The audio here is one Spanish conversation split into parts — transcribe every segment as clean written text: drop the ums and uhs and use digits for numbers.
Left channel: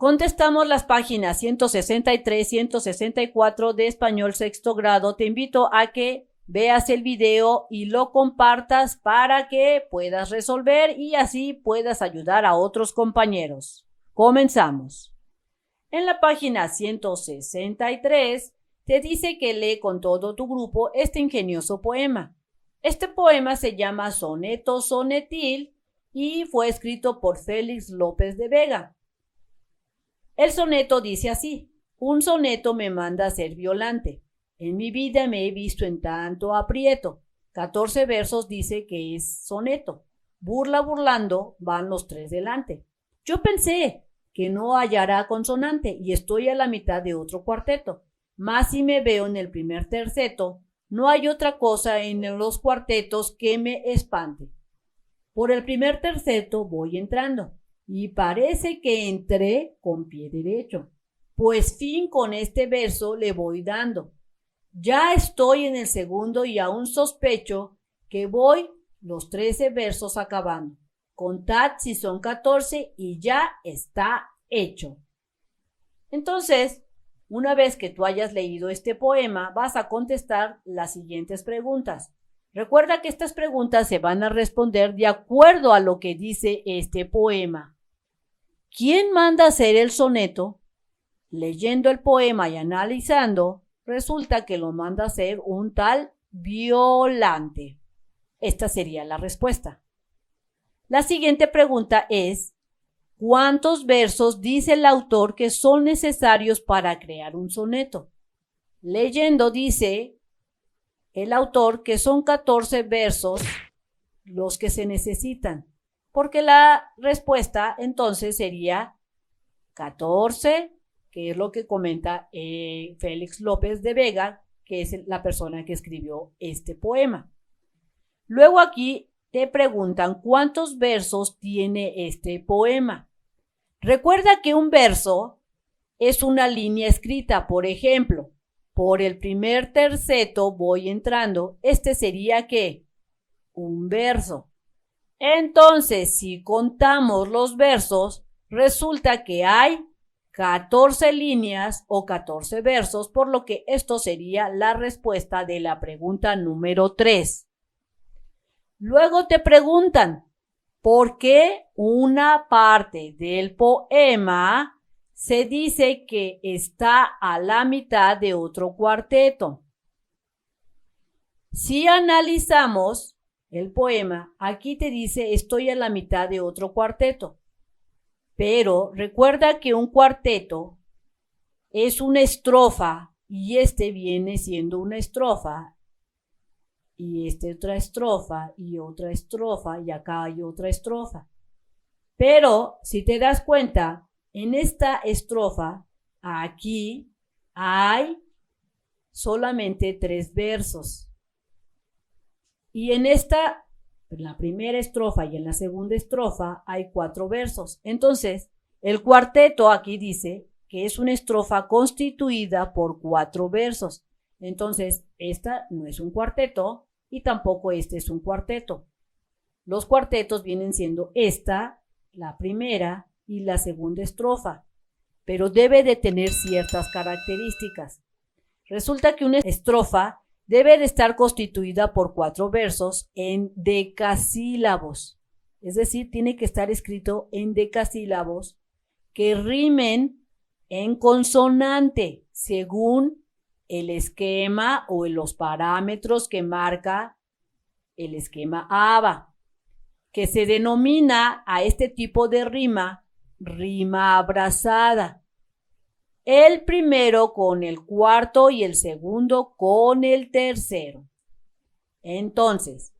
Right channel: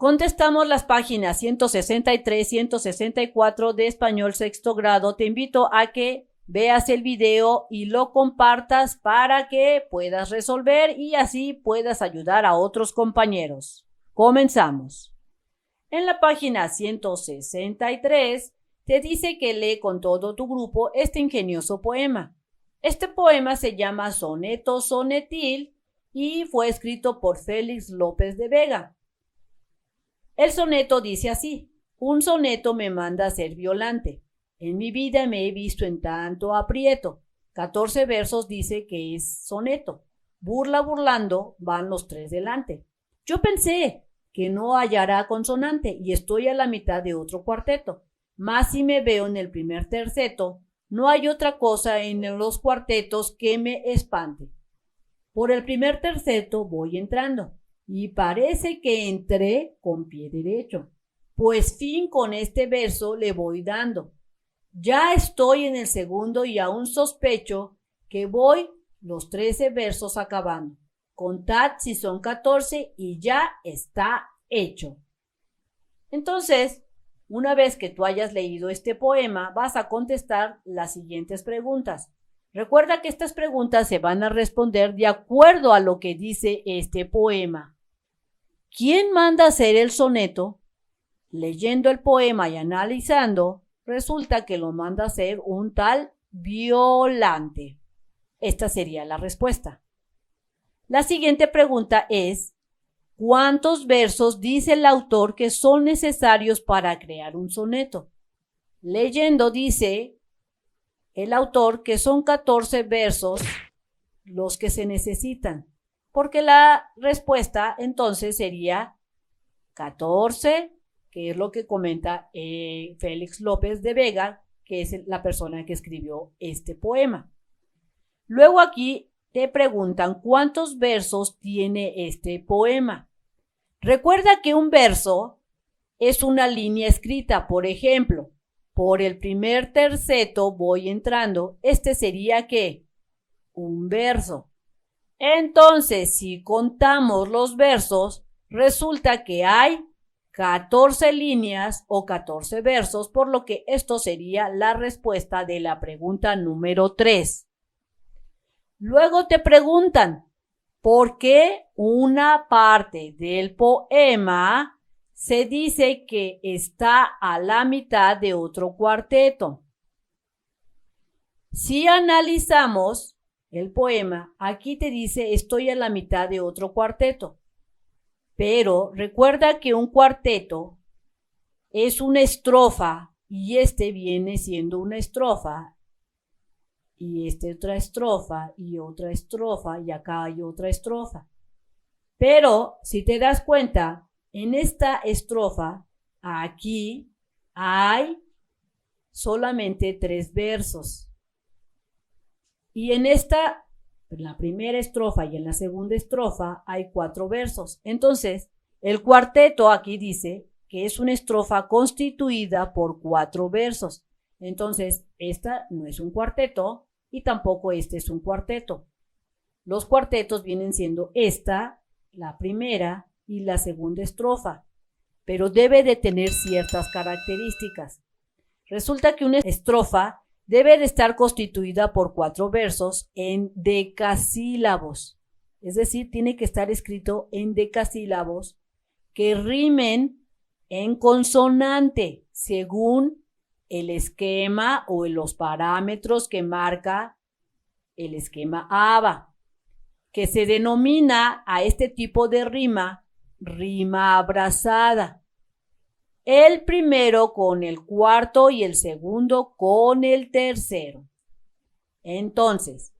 Contestamos las páginas 163, 164 de Español Sexto Grado. Te invito a que veas el video y lo compartas para que puedas resolver y así puedas ayudar a otros compañeros. Comenzamos. En la página 163 te dice que lee con todo tu grupo este ingenioso poema. Este poema se llama Soneto Sonetil y fue escrito por Félix López de Vega. El soneto dice así: un soneto me manda a ser Violante. En mi vida me he visto en tanto aprieto. 14 versos dice que es soneto. Burla burlando van los 3 delante. Yo pensé que no hallará consonante y estoy a la mitad de otro cuarteto. Mas si me veo en el primer terceto, no hay otra cosa en los cuartetos que me espante. Por el primer terceto voy entrando y parece que entré con pie derecho, pues fin con este verso le voy dando. Ya estoy en el segundo y aún sospecho que voy los 13 versos acabando. Contad si son 14 y ya está hecho. Entonces, una vez que tú hayas leído este poema, vas a contestar las siguientes preguntas. Recuerda que estas preguntas se van a responder de acuerdo a lo que dice este poema. ¿Quién manda hacer el soneto? Leyendo el poema y analizando, resulta que lo manda hacer un tal Violante. Esta sería la respuesta. La siguiente pregunta es: ¿cuántos versos dice el autor que son necesarios para crear un soneto? Leyendo dice el autor que son 14 versos los que se necesitan, porque la respuesta entonces sería 14, que es lo que comenta Félix López de Vega, que es la persona que escribió este poema. Luego aquí te preguntan cuántos versos tiene este poema. Recuerda que un verso es una línea escrita. Por ejemplo, por el primer terceto voy entrando. Este sería ¿qué? Un verso. Entonces, si contamos los versos, resulta que hay 14 líneas o 14 versos, por lo que esto sería la respuesta de la pregunta número 3. Luego te preguntan, ¿por qué una parte del poema se dice que está a la mitad de otro cuarteto? Si analizamos el poema, aquí te dice estoy a la mitad de otro cuarteto. Pero recuerda que un cuarteto es una estrofa y este viene siendo una estrofa y otra estrofa y otra estrofa y acá hay otra estrofa. Pero si te das cuenta, en esta estrofa aquí hay solamente 3 versos. Y en la primera estrofa y en la segunda estrofa hay 4 versos. Entonces, el cuarteto aquí dice que es una estrofa constituida por 4 versos. Entonces, esta no es un cuarteto y tampoco este es un cuarteto. Los cuartetos vienen siendo esta, la primera y la segunda estrofa, pero debe de tener ciertas características. Resulta que una estrofa debe de estar constituida por 4 versos en decasílabos. Es decir, tiene que estar escrito en decasílabos que rimen en consonante según el esquema o los parámetros que marca el esquema ABA, que se denomina a este tipo de rima abrazada. El primero con el cuarto y el segundo con el tercero. Entonces,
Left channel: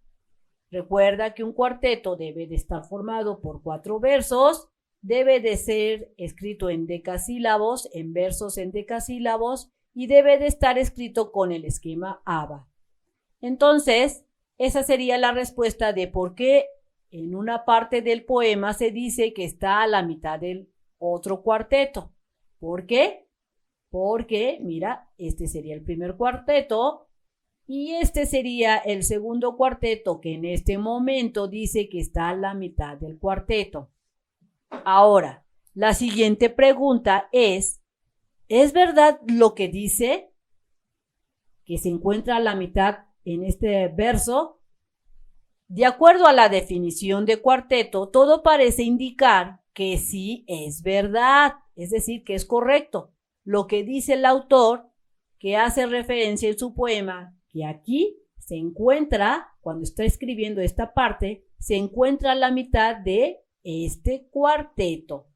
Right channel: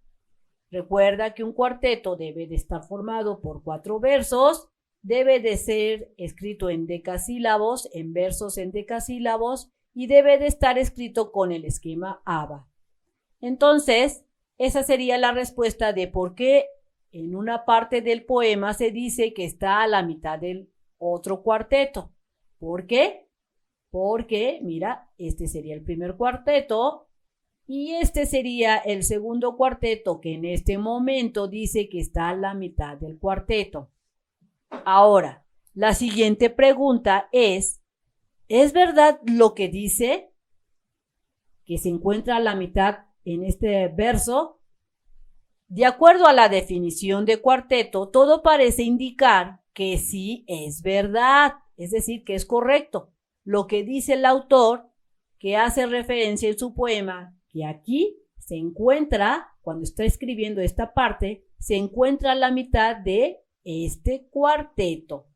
recuerda que un cuarteto debe de estar formado por 4 versos, debe de ser escrito en decasílabos, en versos en decasílabos y debe de estar escrito con el esquema ABA. Entonces, esa sería la respuesta de por qué en una parte del poema se dice que está a la mitad del otro cuarteto. ¿Por qué? Porque, mira, este sería el primer cuarteto y este sería el segundo cuarteto que en este momento dice que está a la mitad del cuarteto. Ahora, La siguiente pregunta ¿es verdad lo que dice? Que se encuentra a la mitad en este verso. De acuerdo a la definición de cuarteto, todo parece indicar que sí es verdad, es decir, que es correcto. Lo que dice el autor, que hace referencia en su poema, que aquí se encuentra, cuando está escribiendo esta parte, se encuentra a la mitad de este cuarteto.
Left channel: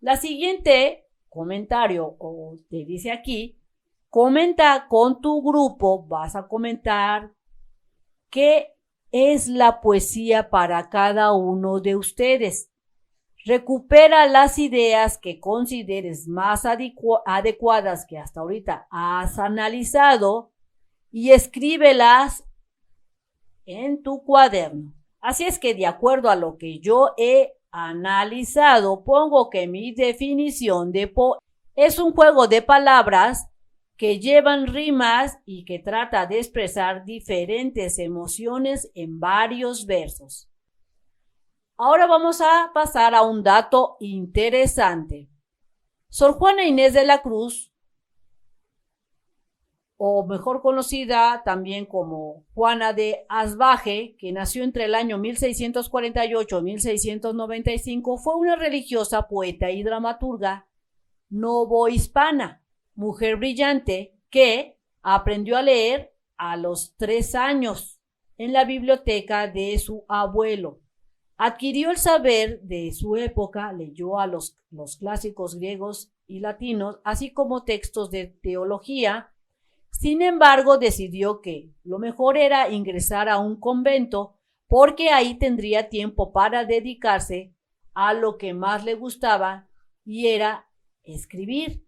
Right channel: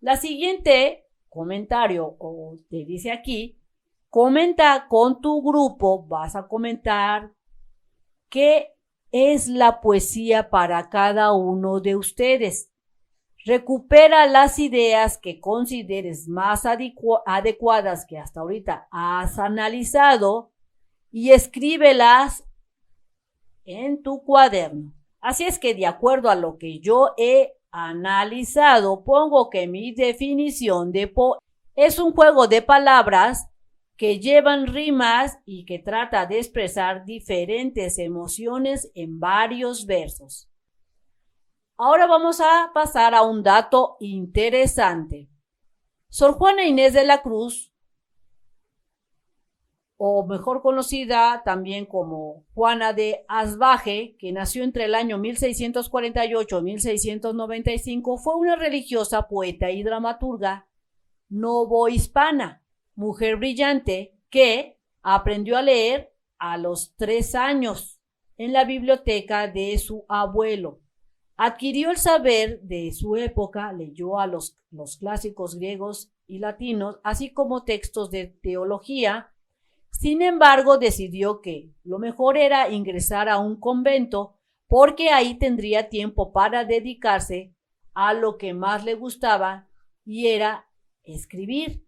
La siguiente comentario, o te dice aquí, comenta con tu grupo, vas a comentar qué es la poesía para cada uno de ustedes. Recupera las ideas que consideres más adecuadas que hasta ahorita has analizado y escríbelas en tu cuaderno. Así es que de acuerdo a lo que yo he analizado, pongo que mi definición de poema es un juego de palabras que llevan rimas y que trata de expresar diferentes emociones en varios versos. Ahora vamos a pasar a un dato interesante. Sor Juana Inés de la Cruz, o mejor conocida también como Juana de Asbaje, que nació entre el año 1648 y 1695, fue una religiosa, poeta y dramaturga novohispana, mujer brillante que aprendió a leer a los 3 años en la biblioteca de su abuelo. Adquirió el saber de su época, leyó a los clásicos griegos y latinos, así como textos de teología. Sin embargo, decidió que lo mejor era ingresar a un convento porque ahí tendría tiempo para dedicarse a lo que más le gustaba y era escribir.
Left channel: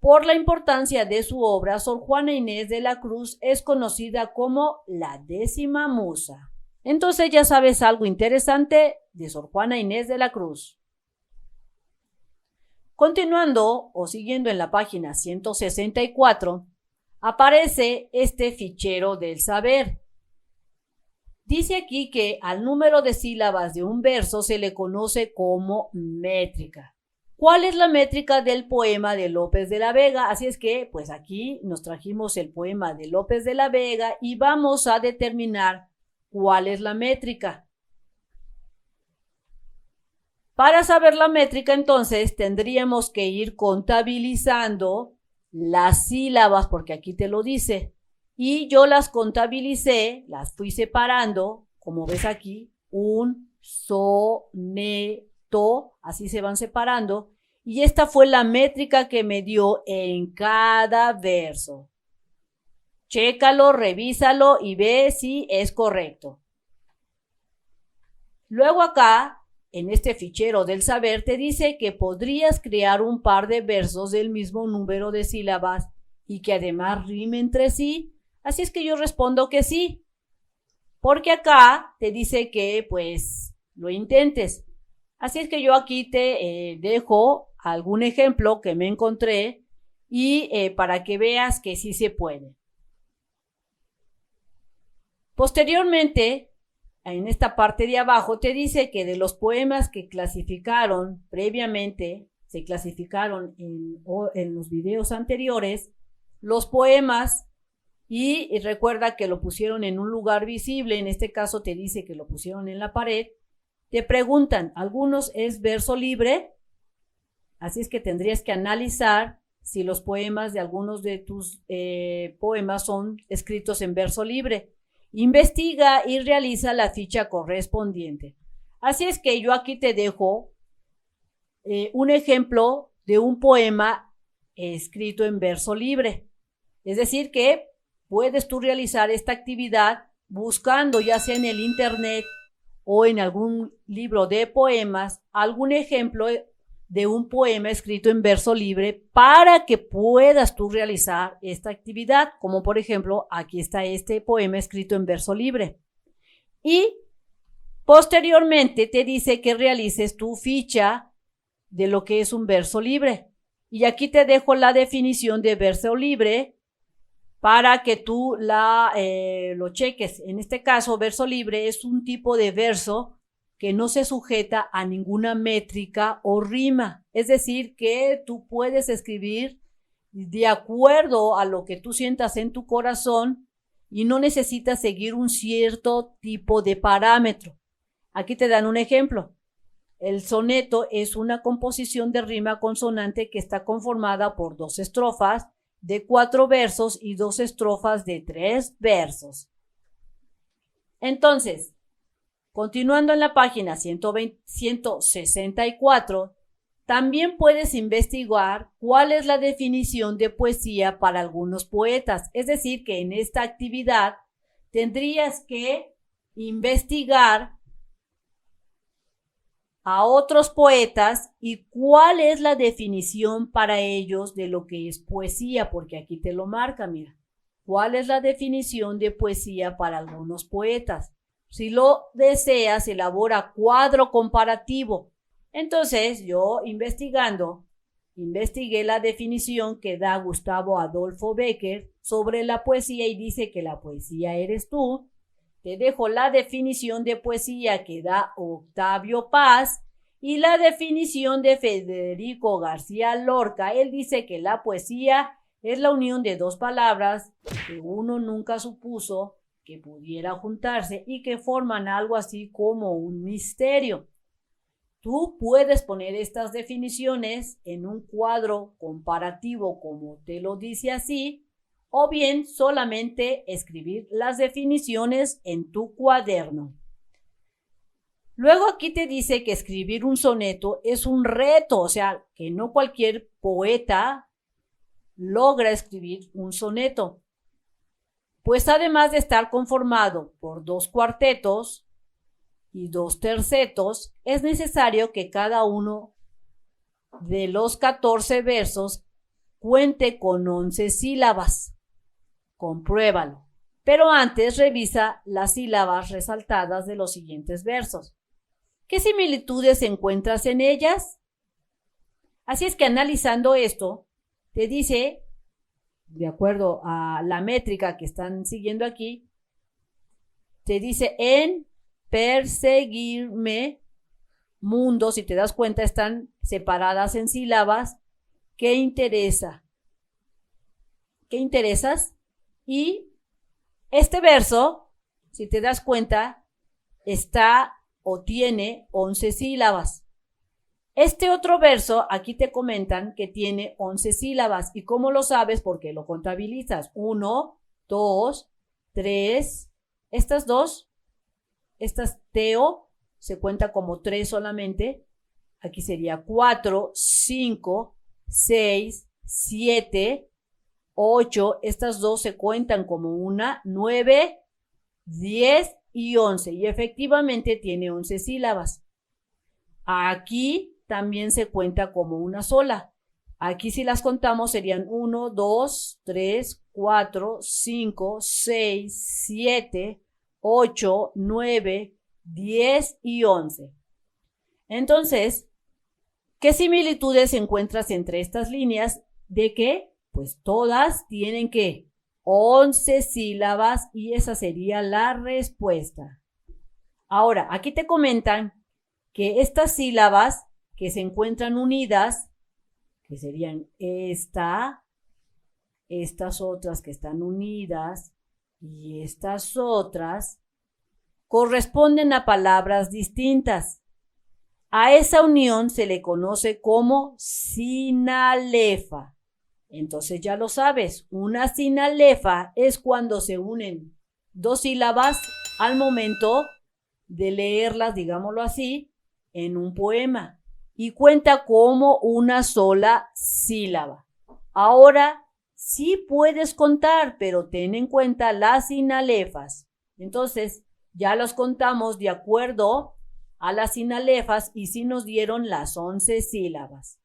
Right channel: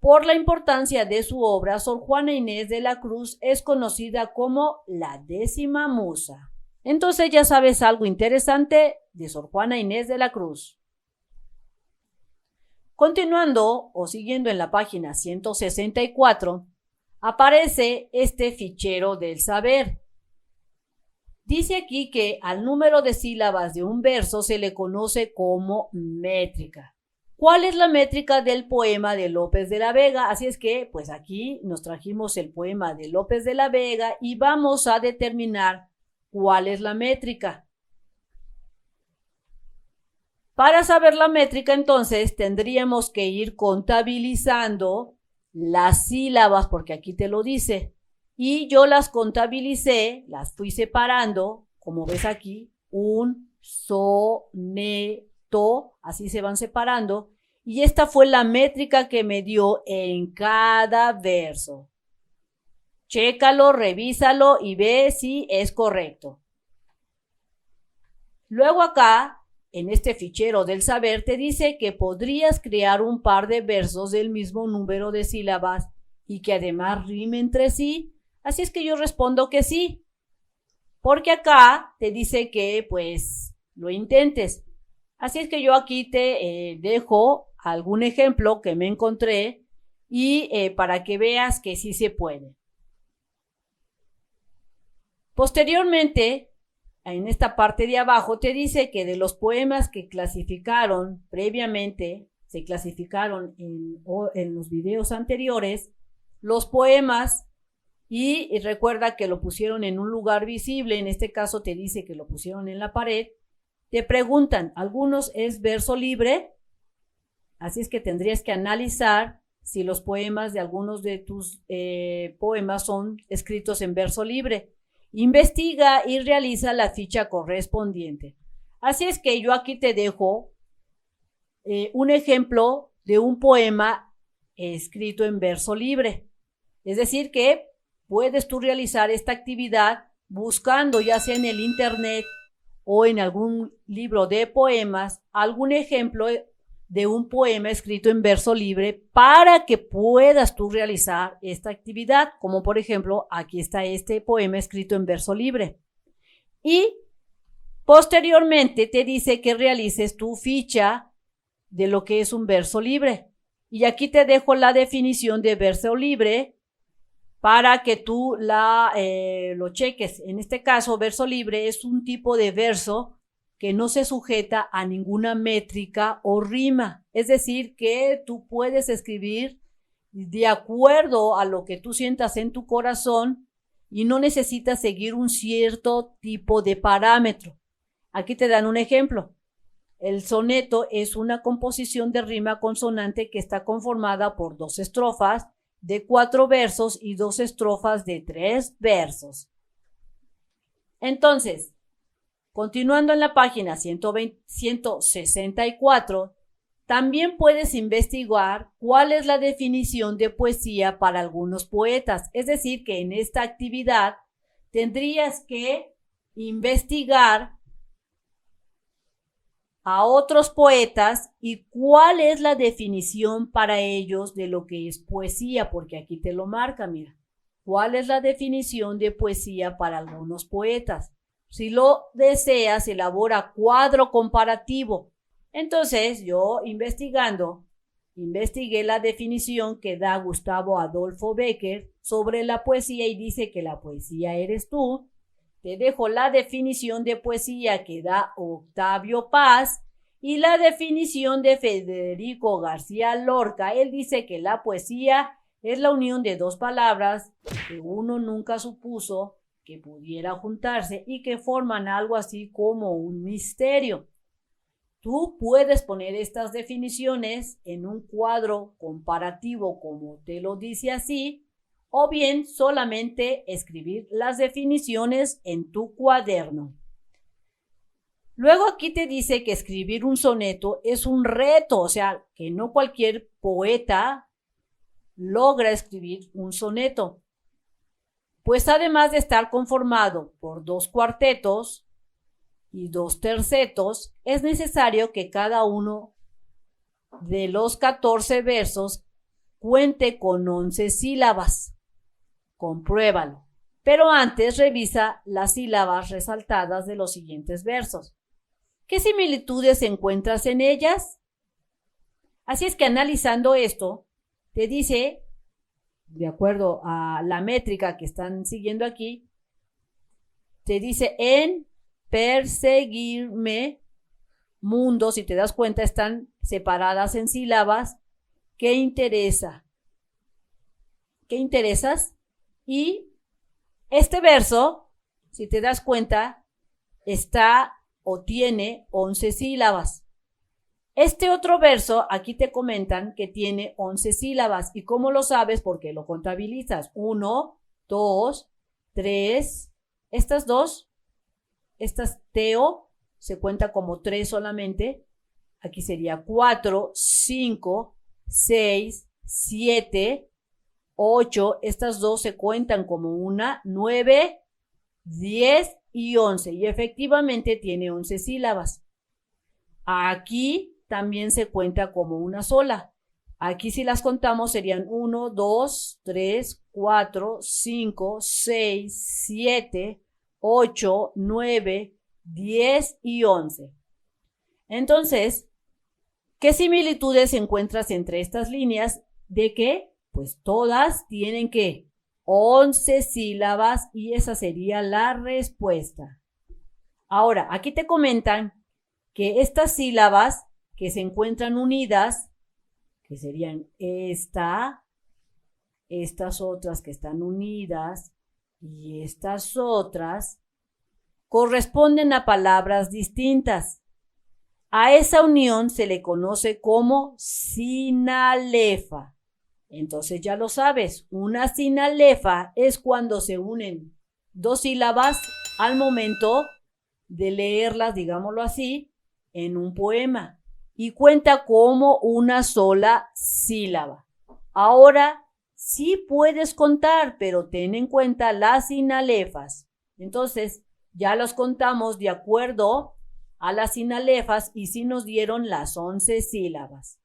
Por la importancia de su obra, Sor Juana Inés de la Cruz es conocida como la 10ª musa. Entonces ya sabes algo interesante de Sor Juana Inés de la Cruz. Continuando o siguiendo en la página 164, aparece este fichero del saber. Dice aquí que al número de sílabas de un verso se le conoce como métrica. ¿Cuál es la métrica del poema de López de la Vega? Así es que, pues aquí nos trajimos el poema de López de la Vega y vamos a determinar cuál es la métrica. Para saber la métrica, entonces, tendríamos que ir contabilizando las sílabas, porque aquí te lo dice. Y yo las contabilicé, las fui separando, como ves aquí, un soneto, así se van separando. Y esta fue la métrica que me dio en cada verso. Chécalo, revísalo y ve si es correcto. Luego acá, en este fichero del saber, te dice que podrías crear un par de versos del mismo número de sílabas y que además rimen entre sí. Así es que yo respondo que sí. Porque acá te dice que pues lo intentes. Así es que yo aquí te dejo algún ejemplo que me encontré y para que veas que sí se puede. Posteriormente, en esta parte de abajo te dice que de los poemas que clasificaron previamente, se clasificaron en los videos anteriores, los poemas, y recuerda que lo pusieron en un lugar visible, en este caso te dice que lo pusieron en la pared, te preguntan, algunos es verso libre, así es que tendrías que analizar si los poemas de algunos de tus poemas son escritos en verso libre. Investiga y realiza la ficha correspondiente. Así es que yo aquí te dejo un ejemplo de un poema escrito en verso libre. Es decir que puedes tú realizar esta actividad buscando ya sea en el internet o en algún libro de poemas algún ejemplo de un poema escrito en verso libre para que puedas tú realizar esta actividad, como por ejemplo, aquí está este poema escrito en verso libre. Y posteriormente te dice que realices tu ficha de lo que es un verso libre. Y aquí te dejo la definición de verso libre para que tú lo cheques. En este caso, verso libre es un tipo de verso que no se sujeta a ninguna métrica o rima. Es decir, que tú puedes escribir de acuerdo a lo que tú sientas en tu corazón y no necesitas seguir un cierto tipo de parámetro. Aquí te dan un ejemplo. El soneto es una composición de rima consonante que está conformada por 2 estrofas de 4 versos y 2 estrofas de 3 versos. Entonces, continuando en la página 164, también puedes investigar cuál es la definición de poesía para algunos poetas. Es decir, que en esta actividad tendrías que investigar a otros poetas y cuál es la definición para ellos de lo que es poesía, porque aquí te lo marca, mira. ¿Cuál es la definición de poesía para algunos poetas? Si lo deseas, elabora cuadro comparativo. Entonces, yo investigué la definición que da Gustavo Adolfo Bécquer sobre la poesía y dice que la poesía eres tú. Te dejo la definición de poesía que da Octavio Paz y la definición de Federico García Lorca. Él dice que la poesía es la unión de 2 palabras que uno nunca supuso que pudiera juntarse y que forman algo así como un misterio. Tú puedes poner estas definiciones en un cuadro comparativo como te lo dice así, o bien solamente escribir las definiciones en tu cuaderno. Luego aquí te dice que escribir un soneto es un reto, o sea, que no cualquier poeta logra escribir un soneto. Pues además de estar conformado por 2 cuartetos y 2 tercetos, es necesario que cada uno de los 14 versos cuente con 11 sílabas. Compruébalo. Pero antes revisa las sílabas resaltadas de los siguientes versos. ¿Qué similitudes encuentras en ellas? Así es que analizando esto, te dice, de acuerdo a la métrica que están siguiendo aquí, te dice en perseguirme mundo, si te das cuenta están separadas en sílabas. ¿Qué interesa? ¿Qué interesas? Y este verso, si te das cuenta, está o tiene 11 sílabas. Este otro verso, aquí te comentan que tiene 11 sílabas. ¿Y cómo lo sabes? Porque lo contabilizas. 1, 2, 3. Estas 2, estas teo, se cuenta como 3 solamente. Aquí sería 4, 5, 6, 7, 8. Estas 2 se cuentan como una, 9, 10 y 11. Y efectivamente tiene 11 sílabas. Aquí también se cuenta como una sola. Aquí si las contamos serían 1, 2, 3, 4, 5, 6, 7, 8, 9, 10 y 11. Entonces, ¿qué similitudes encuentras entre estas líneas? ¿De qué? Pues todas tienen que 11 sílabas y esa sería la respuesta. Ahora, aquí te comentan que estas sílabas que se encuentran unidas, que serían estas otras que están unidas y estas otras, corresponden a palabras distintas. A esa unión se le conoce como sinalefa. Entonces ya lo sabes, una sinalefa es cuando se unen 2 sílabas al momento de leerlas, digámoslo así, en un poema y cuenta como una sola sílaba. Ahora sí puedes contar, pero ten en cuenta las sinalefas. Entonces ya las contamos de acuerdo a las sinalefas y sí nos dieron las 11 sílabas.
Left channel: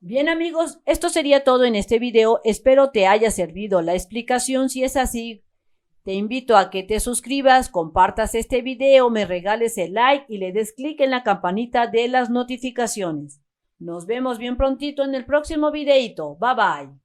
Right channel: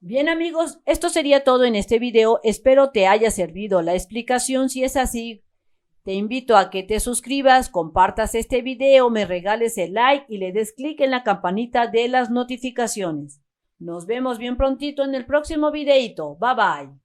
Bien amigos, esto sería todo en este video. Espero te haya servido la explicación. Si es así, te invito a que te suscribas, compartas este video, me regales el like y le des clic en la campanita de las notificaciones. Nos vemos bien prontito en el próximo videito. Bye bye.